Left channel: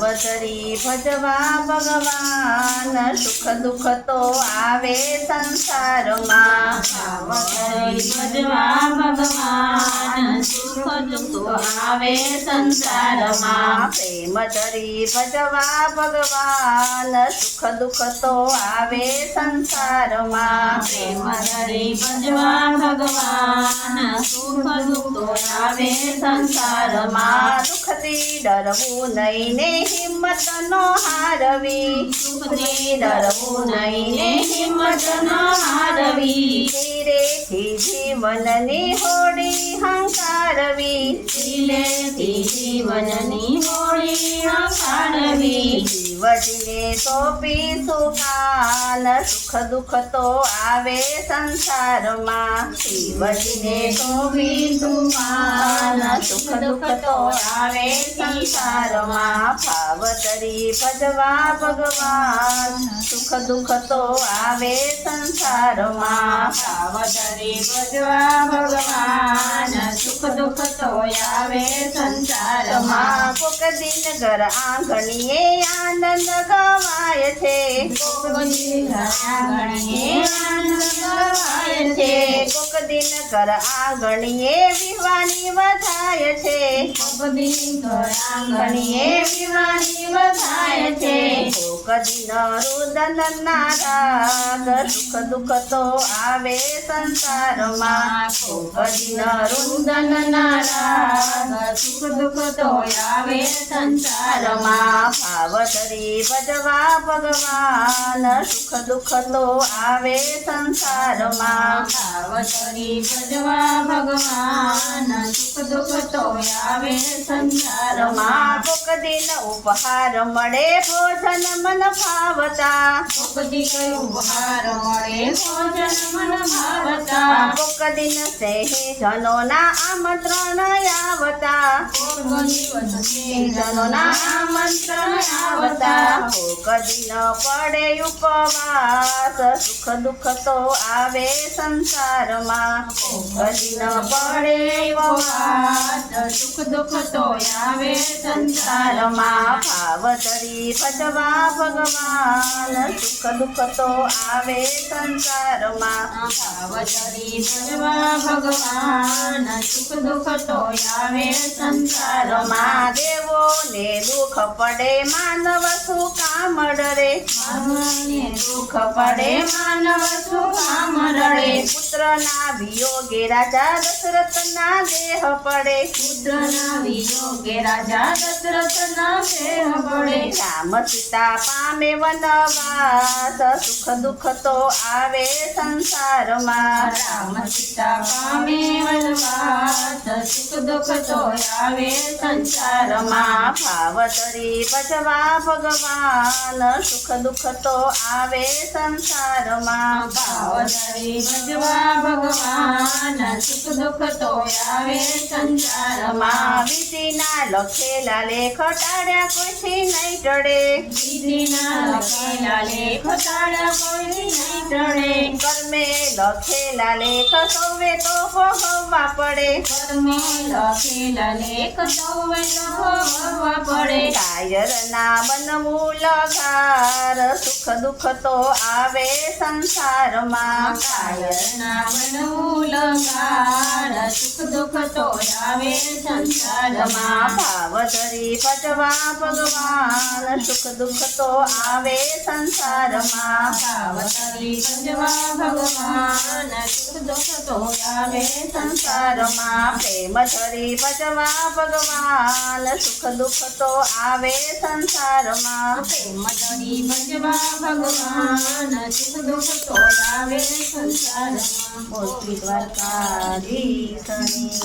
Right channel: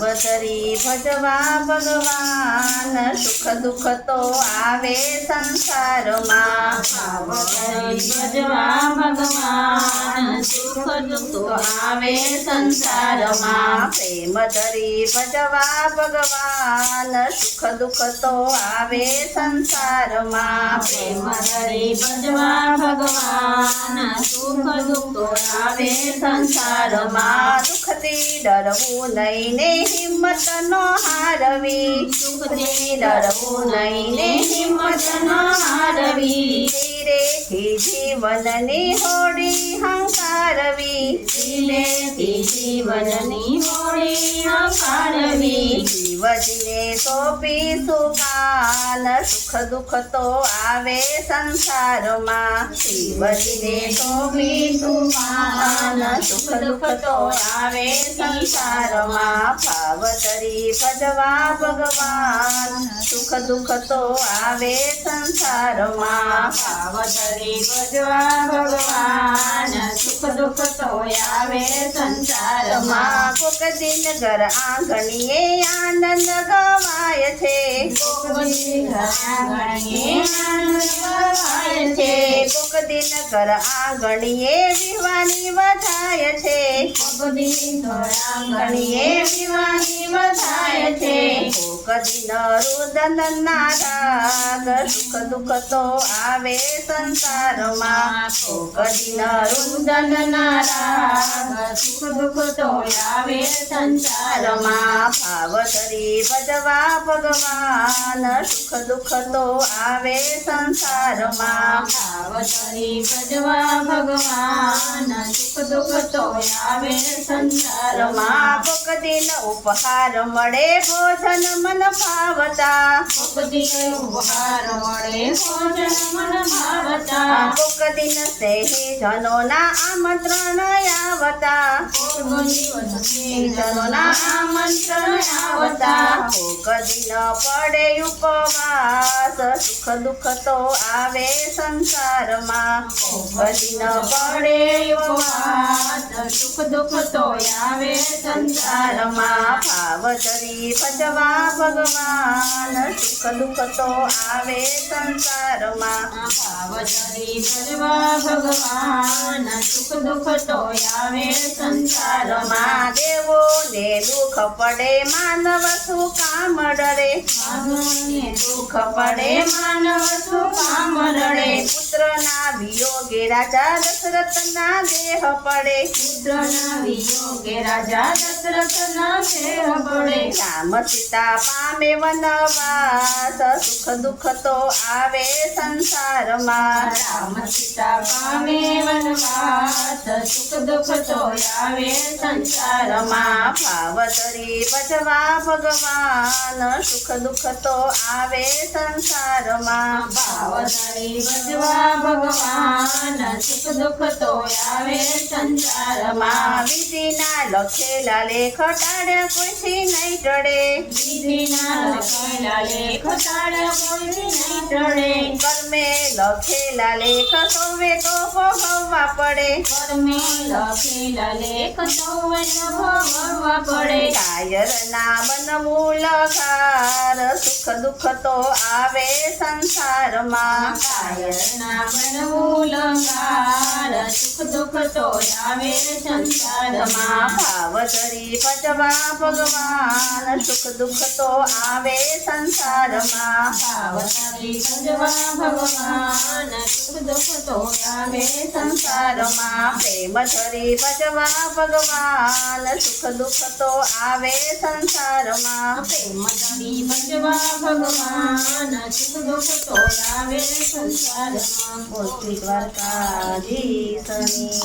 ભાવધરી ભજવા ભગવાન સુખ દુઃખ તો આવે સંસારમાં ભાવધરી ભજવા ભગવાન સુખ દુઃખ તો આવે સંસારમાં પ્રેમ ધરી ભજવા ભગવાન સુખ દુઃખ તો આવે સંસારમાં પ્રેમ ધરી ભજવા ભગવાન સુખ દુઃખ તો આવે સંસારમાં દુઃખથી ડરવું નહીં ને હિંમત નો હારવી સુખથી ડરવું નહીં ને હિંમત ન હારવી ધીરેથી જીવનની હોડી હંકારવી ધીરેથી જીવનની હોળી હંકારવી જીવજીને સોંપીશું કાન સુખ દુઃખ તો આવે સંસારમાં શિવજીને સોંપીશું કાન સુખ દુઃખ તો આવે સંસારમાં ભાવધરી ભજવા ભગવાન સુખ દુઃખ તો આવે સંસારમાં ભાવધરી ભજવા ભગવાન સુખ દુઃખ તો આવે સંસારમાં કોક દિન ઘર આંગણીએ આનંદ ગવાય છે કોક દિન આંગણીએ આનંદ ગવાય છે કોક દિન ઘર આંગણીએ વિવાની વધાય છે કોક દિન આંગણીએ વિવાની વધાય છે કોક દિન રુદન ના રાગ સુખ દુઃખ તો આવે સંસારમાં કોક દિન રુદન ના રાગ સુખ દુઃખ તો આવે સંસારમાં ભાવધરી ભજવા ભગવાન સુખ દુઃખ તો આવે સંસારમાં ભાવધરી ભજવા ભગવાન સુખ દુઃખ તો આવે સંસારમાં કોક દિન ઉપહાર મળે ભોજન મન ભાવતા કોક દિન ઉપહાર મળે ભોજન મન ભાવતા કોક દિન સ્નેહીજનોના આમંત્રણ આવતા કોક દિવસ સ્નેહીજનોના આમંત્રણ આવતા કોક દિન પડે ઉપવાસ સુખ દુઃખ તો આવે સંસારમાં કોક દિન પડે ઉપવાસ સુખ દુઃખ તો આવે સંસારમાં ભાવધરી ભજવા ભગવાન સુખ દુઃખ તો આવે સંસારમાં ભાવધરી ભજવા ભગવાન સુખ દુઃખ તો આવે સંસારમાં દેવોને દુઃખ પડે માનવ શું કામ ડરે માનવને દુઃખ પડે માનવ શું કામ રડે પુત્રના વિયોગે રાજા દશરથના દેહ પડે પુત્રના વિયોગે રાજા દશરથના દેહ પડે રામ સીતા પામે વનવાસ સુખ દુઃખ તો આવે સંસારમાં રામ સીતા પામે વનવાસ સુખ દુઃખ તો આવે સંસારમાં ભાવધરી ભજવા ભગવાન સુખ દુઃખ તો આવે સંસારમાં ભાવધરી ભજવા ભગવાન સુખ દુઃખ તો આવે સંસારમાં વિધિના લખેલા લેખ ટાળ્યા કોઈથી નહીં ટળે વિધિના લખેલા લેખ ટાળ્યા કોઈ નહીં ટળે કર્મે લખેલા લેખ સૌએ તો ભોગવવા પડે કર્મે લખેલા લેખ સૌએ તો ભોગવવા પડે કાયરના બનવું લગાર સુખ દુઃખ તો આવે સંસારમાં કાયરના બનવું લગાર સુખ દુઃખ તો આવે સંસારમાં ભાવધરી ભજવા ભગવાન સુખ દુઃખ તો આવે સંસારમાં ભાવધરી ભજવા ભગવાન સુખ દુઃખ તો આવે સંસારમાં પ્રેમ ધરી ભજવા ભગવાન સુખ દુઃખ તો આવે સંસારમાં પ્રેમ ધરી ભજવા ભગવાન સુખ દુઃખ તો આવે સંસારમાં બોલ શ્રી દ્વારકાધીશની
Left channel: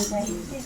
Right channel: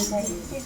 જય.